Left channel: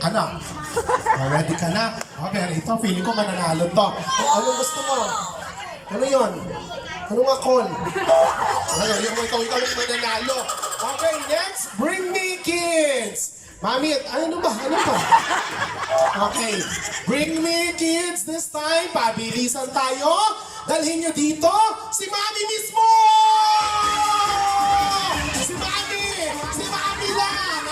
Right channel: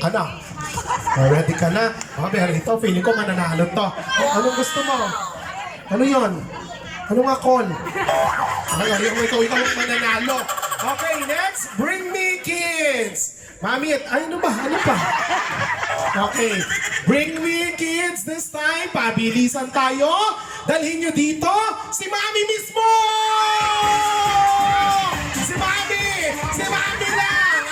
Ano? Ready ka na? Pero ito, feeling ko mananalo to. Anong gusto mo? Ano yon? Anong akon? Ikaw yung mananalo. Okay, next, bring me kids. Mami, ano ba? Ano pa? Okay, bring me kids this time. Pabilisan tayo. Dalhin nyo dito si Mami mismo! Si Mami! Si Mami lang!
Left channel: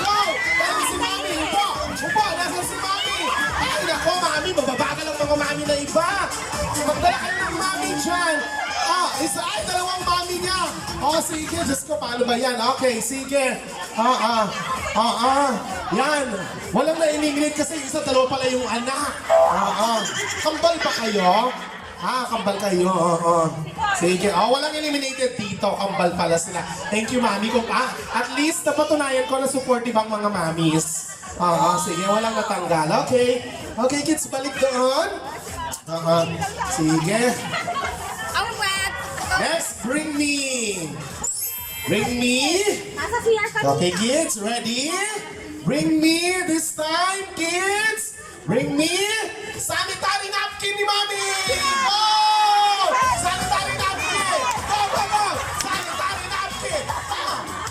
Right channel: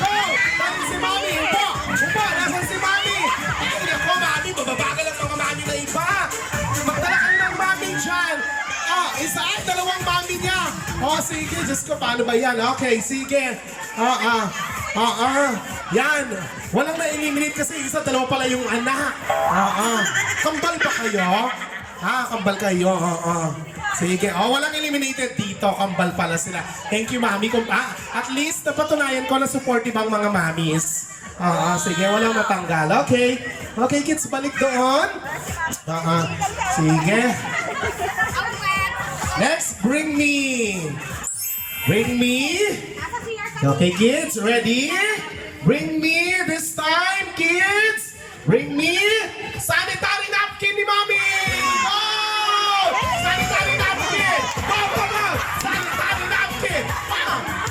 Go! Dahil si Mami! Upo! Upo! Nasaan si Mami? Ay, nako, Mami! Mababagal ang mga Mami na iba! Magdala ka ng Mami dyan! Isa ay dalawang Mami niya! Sige. Diyos ko, paano ba yan? Okay, sige. Yan. Walang na-eliminate kasi isa, dalawa pala yung anak. Kambal ba kayo? Kambal kayo. Sige. Walang eliminated dito. Kambal pala sila. Thank you, Mami. At least, napatunayan ko na supportive ang mga Mamis. Sige. Walang natanggal. Okay. Okay, kids. Balik doon. Sige. Next, bring me. Bring me. Okay, kids. Ready? Bring me this time, kids. Bring me sanitary napkin ni Mami. Sanitary napkin! Go! Sanitary napkin!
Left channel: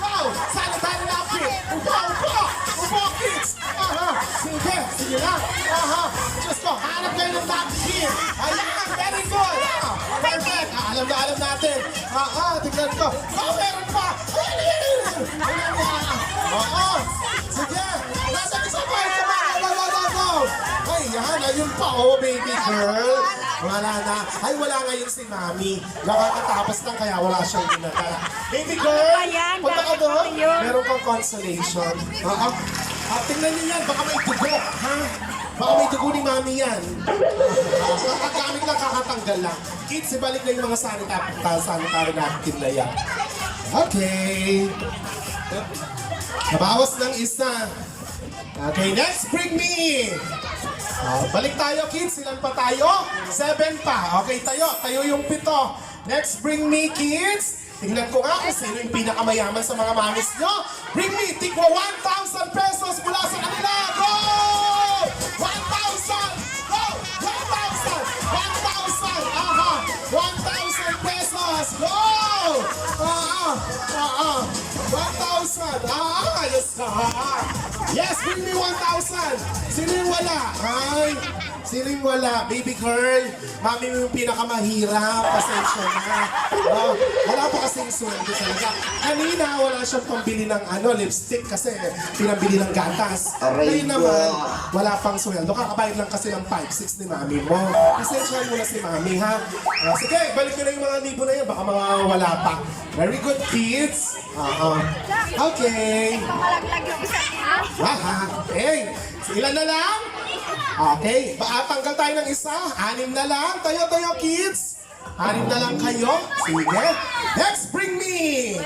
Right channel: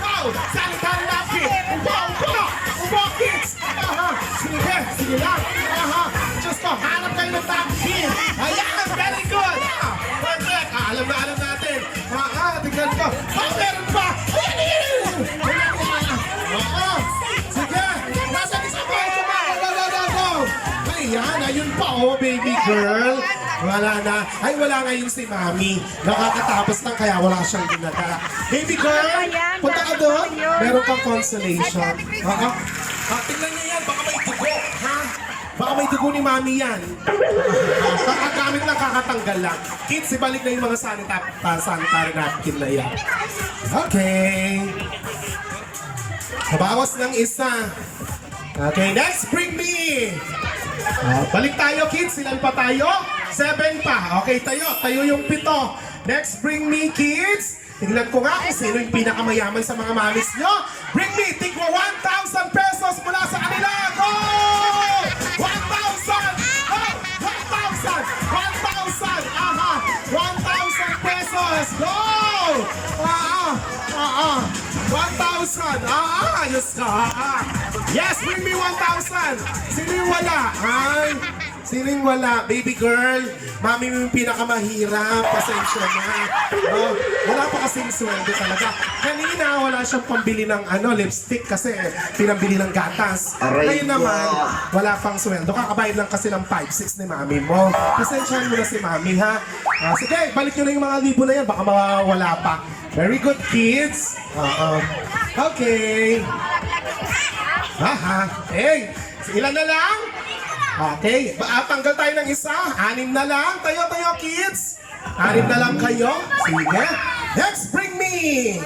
Go! Sanitary napkin! Upo, kids! Sige lang! Diyos ko, hanap kayo ng napkin! Ayan! Very good! Perfect! Alam natin! Tignan ko! Meron pa! Sige! Nasa isa ko! Ayan! Ayun pa, baby girl! Wala na. Ay, wala ngayon si Mami. Nakakatapos lang kaya wala siyang ginagawa. Baby girl, punta ka doon. Meron kang consolation. Tingnan niyo yan. Baka may dugo. Baka may dugo ni Mami yan. Kakagamit lang, kakatanggal lang. Kids, ibalik na yung mga sanitary napkin na yan. Okay. Nabawas ng isa. Okay, next, bring me. Balik tayo, kids. Ilan pa tayo? 7 pa. Okay, tayo yung 7. Next, bring me, kids. Tingnan ko nga kung sino yung pinakamayaman sa mga mamis nyo. Bring me, tigwa 1,000 pesos mula sa kanila. Go! 1,000! Go! 1,000! 1,000 pesos! Go! 1,000! Yes, bring me 1,000! Sino yung wala? Sino yung wala? Baby girl, Mami mo yung pinakamahirap. Pasensya na. Wala pa kasing sweldo talaga. Kanina, wala siyang pambili ng lipstick kasi pinambili ng gatas. Ngayon naman, wala pang sweldo. Kakabayad lang kasi ng 5-6 ni Mami mo. Pasensyahan mo na si Mami, ha? Sige, balik nyo na yung mga libo na yan. Baka mawawala pa. Very good, kids. Okay. Hey, ilan na lang? Okay, tanggal tayo ng isa. 6 na lang. Tayo, kids. 6 na lang kayo. Sige. Next, bring me.